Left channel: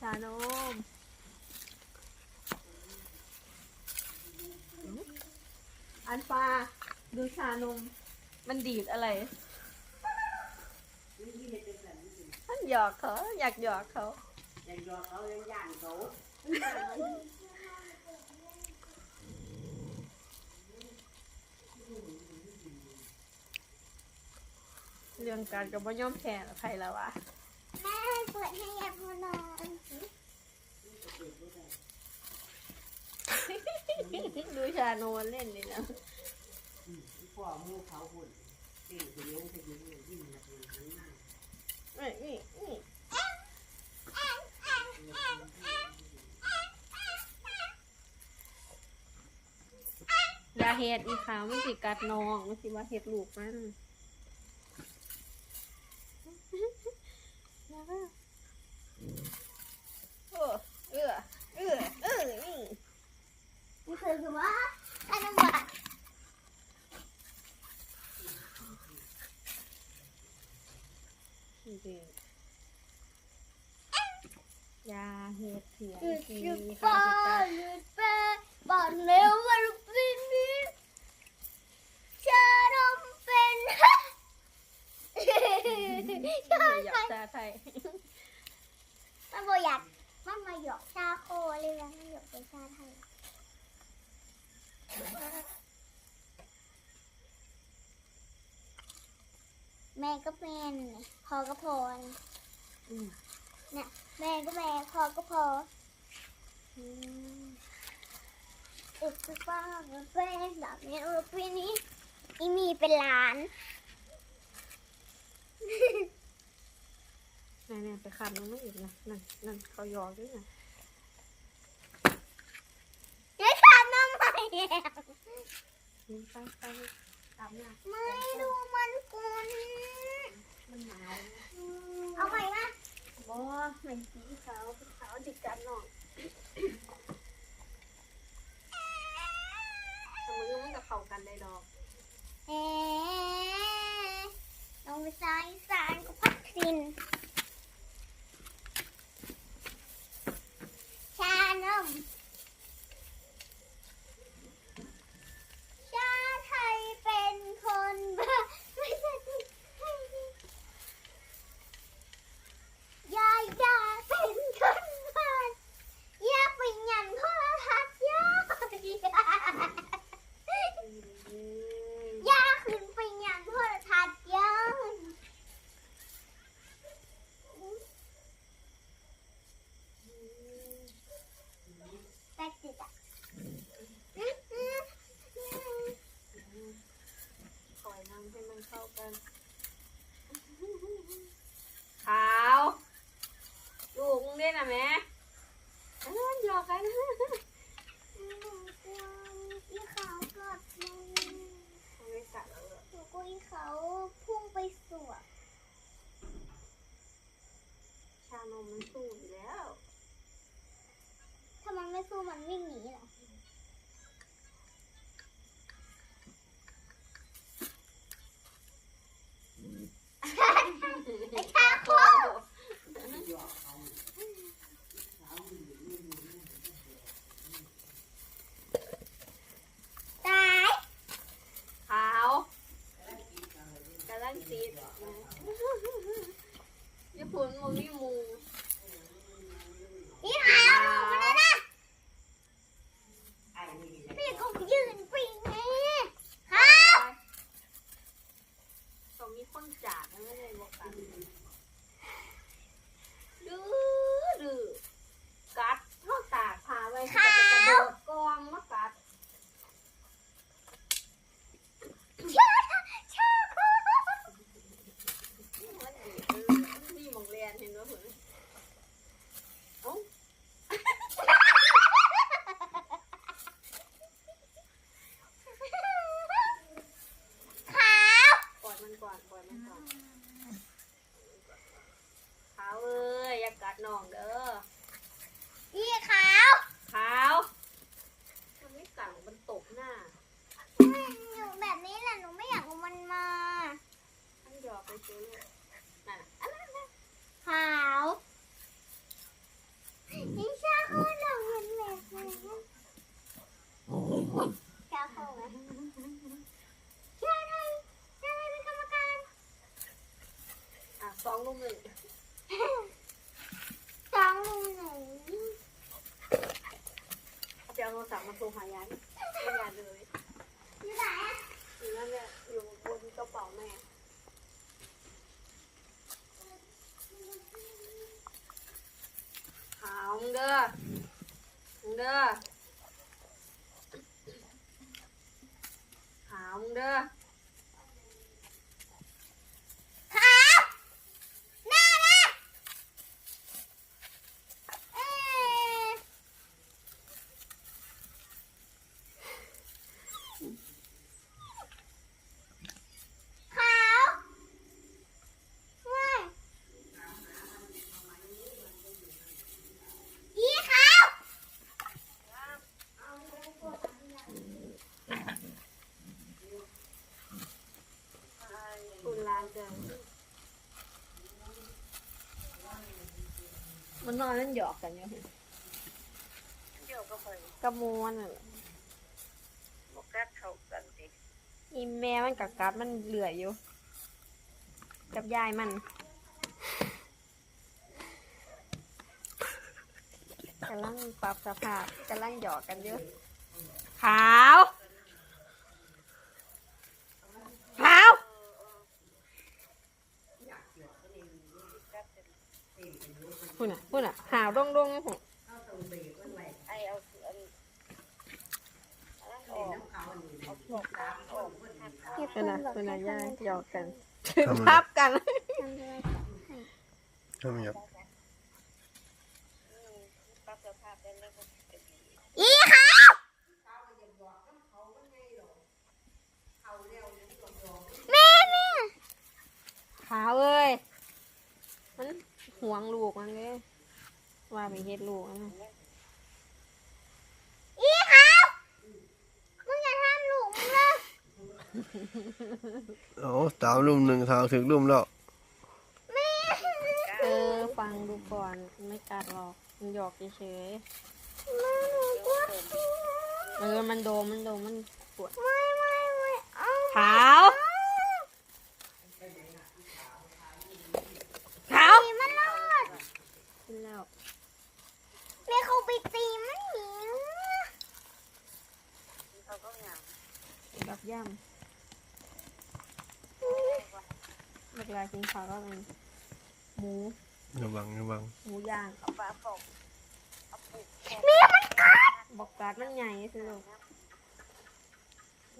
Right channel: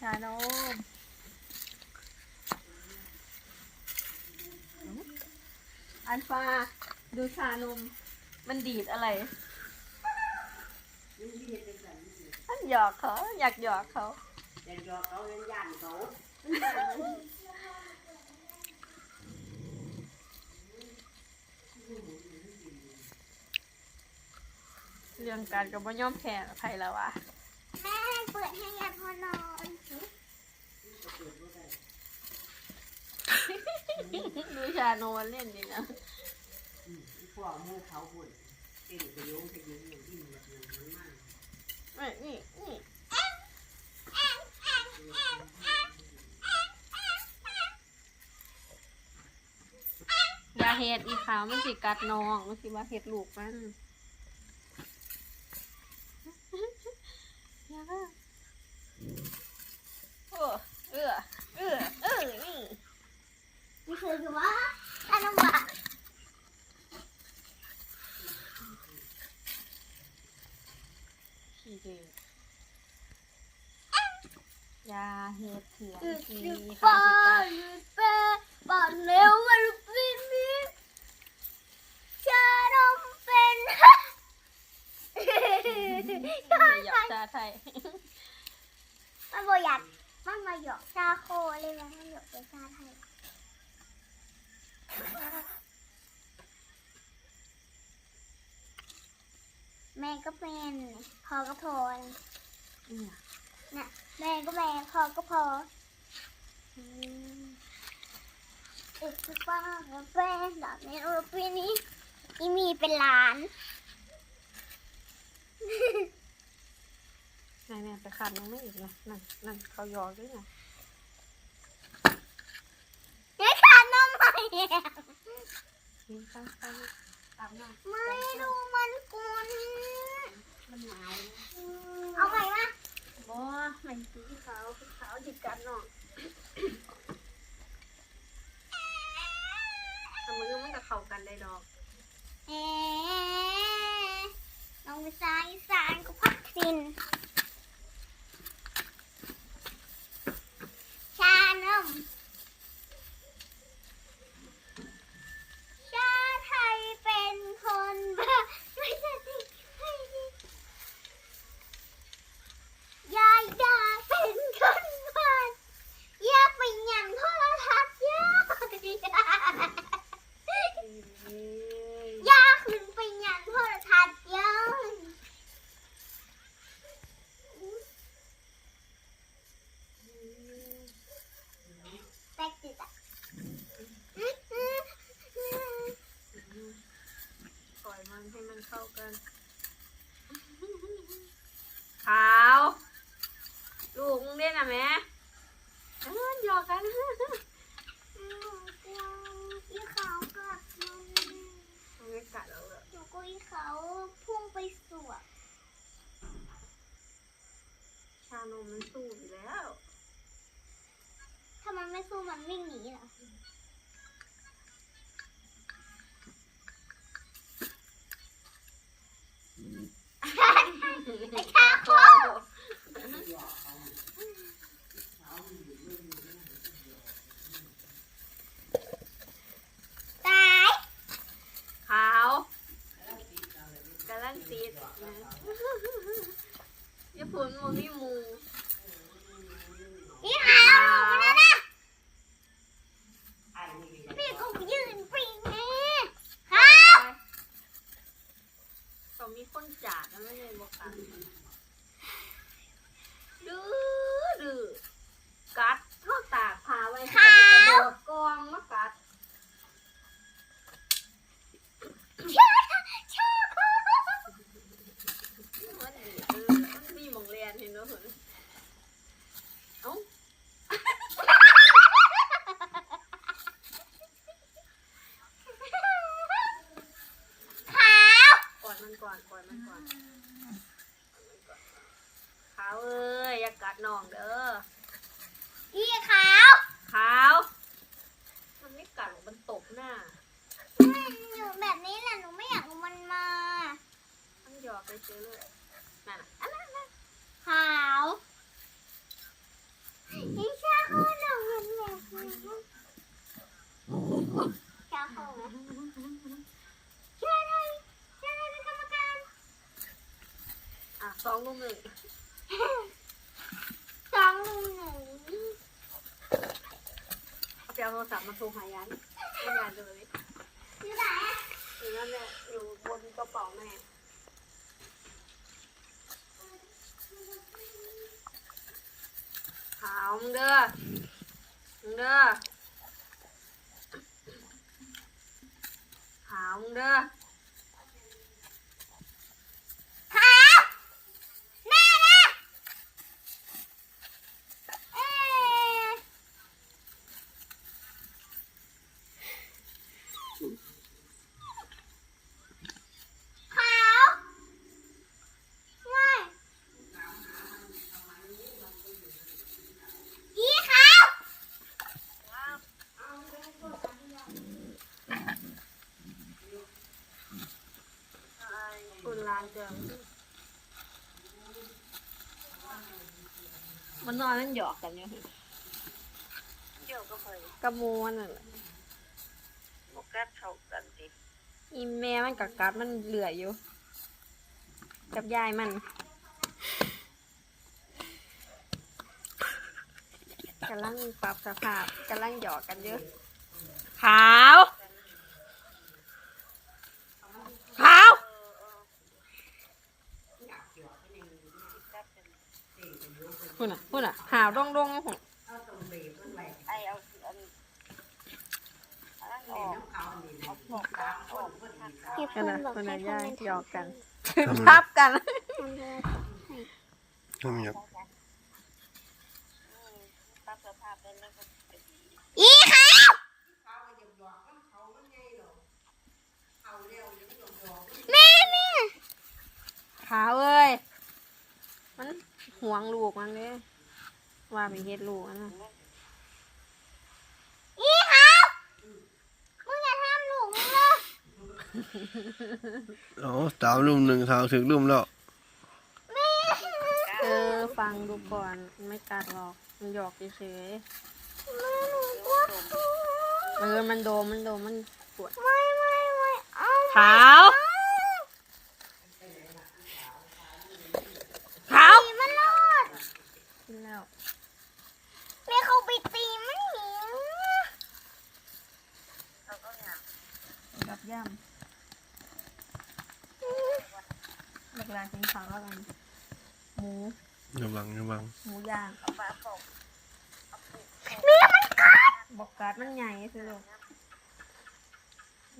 ชานมอันฟ้าดูชานม มันดีดอะไรมันหยอกเขาอยากหยอกเขายังยอเขายังย่านเขาเรื่องการกับว่ายอมแพ้ใครแล้ววะแม่ให้ เปิดให้ยายพอนอนดูชานมมันเล่นนี่นะพ่อมูเขาพุ่นเก่งไปโยงไปโยงอย่างที่มันมันมันนี่นี่นี่อย่าเห็ดอีขาวมันสิกัดน้องมันสิว่าเห็ดลูกมันอย่าโอ้เออเออเออนี่ นี่คือคือว่าถ้าน้องหวานขี้ดื้ออย่าเห็ดเถียงขี้ขาป้าสิกัดหรือกเร็วว่าลูกพี่นี่ชานมเป็นอยากชาไทยมันบอกอยากมันมาหยอกชาโคเลยนะมันหยอกเป็นชาไทย แม่ก็เป็นพอก็พออืมน่ะแม่ก็แม่พอก็พออืมอีกสักป้ากับแป้งแบบนี้รูปีนี้อีมีเป็นหลานนั่นๆไปขัดน้องไม่อีกนะนั่นนั่นเขาหยอกด้วยนะ นี่ขาดน้ำใหม่ กิน ไม่ดูมันกุนมันหนาวเอาใหม่มาบ่ไม่สีขาวขาวจิกกันเนาะทำมือมันจะเข้ากันได้ดอกเอ๊ะลงไปซ้ายสานก็พักสินชานมชาไทยเป็นคนบ้าไม่ใช่ยายดาเป็นคนบ้าอยากไปหยันโทรทัศน์ยากยากขึ้นไปหยันโทรทัศน์ยากแป๊กจิตอะ ปล่อยมันให้มันเข้ากัน ขาว ลูกมึงเล่นอะแม่เอ อหยอกกันอีเขากัดมันมันไม่กัดเราเลยหนูก็อีเขาพุ่งไปสวบชานมมันสู้อยู่แล้วถ้ามันไม่สู้มันวิ่ง ยอย่ากัดน้องเด้อนี่ขาวขาวทำไม่กัดมันตกหน้าหนูแบบนี้แหละหนูไม่อยากมันมาต้องหยอกไปซื้อเลยน่ะขาวนี่ชาคือหนูมันแบบนี้ชาคือชาเลยชาเลยเป็นกรรมการอะสองลูกหนึ่ง จังหนูเอาไปเอาโทรศัพท์มาโทรหายันไม่ยายเลยอยู่ไหนอยู่นั่นแหละอยู่บนกระเป๋าแม่หาวมึงเด้อมึงเด้อหาวมึงเด้อ มมันนอนเล่นหยอกกันอยู่เดี๋ยวก็ไปกระมูมันน่ะบอกแก๊สเข้ากันสิอีแม่มันกัดกัดมันเหลืออยู่ กับยายมันกำลังปรับสภาพกำลังหยอกกันเยอะขาว ขาว พุ่น่ะพุ่น่ะหาวดงดงๆหุ่นเอาตรงกันไอเอาอันอันนั้นอเล่นอกเขาอันนี้เอาพวกกลางออกพูดนน่ะพูดให้น่ะคยายนหยอกกันทำไมพับกันทำยับสภาพได้แล้วก็จะดี อีขาว เขาก็จะบอกว่าเขามันไงหรอกเขาเร็วยังหลอกหลอก แม่เนี่ย ขาวเอ้ย มันห่ว งลูกมันเลยว่ามีเฮ็ดลูกอันนะอีขาวมึงอย่าทำหลูกมึงเลยโอ้สามลุ่มหนึ่งทางถึงลุ่มแล้วแม่เออฟังดูก่อนไม่กัดหรอกมันหยอกเฉยแม่หนูกลัวๆเออมันโดมมันโดมมันปวดไม่ไม่ไม่เอา ขาว ขาว ตีมันรอด กินแล้ว แม่เขาไปตีมันหนี เขาก็งาม กับย่ำเวลากินข้าวก็เป็นหมูระวังระวังหมูย่างเอาฟ้าปกเอาปลูกแม่มันกัดบอกกัดมันใหญ่สิลูก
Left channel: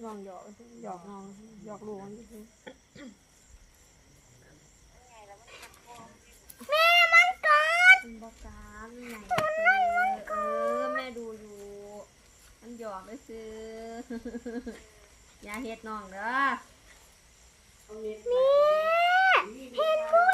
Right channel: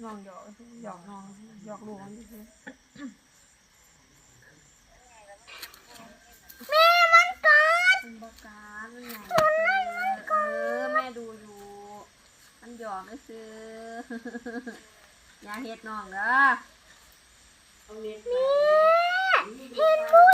น้องหยอกหยอกน้องหยอกลูกมันสิแม่มันกัดมันบอกกัดมันใหญ่สิเออแม่ดูอยู่มันหยอกก็คือ อย่าเฮ็ดน้องเด้อเอาเม็ดแม่นี่ เห็นด้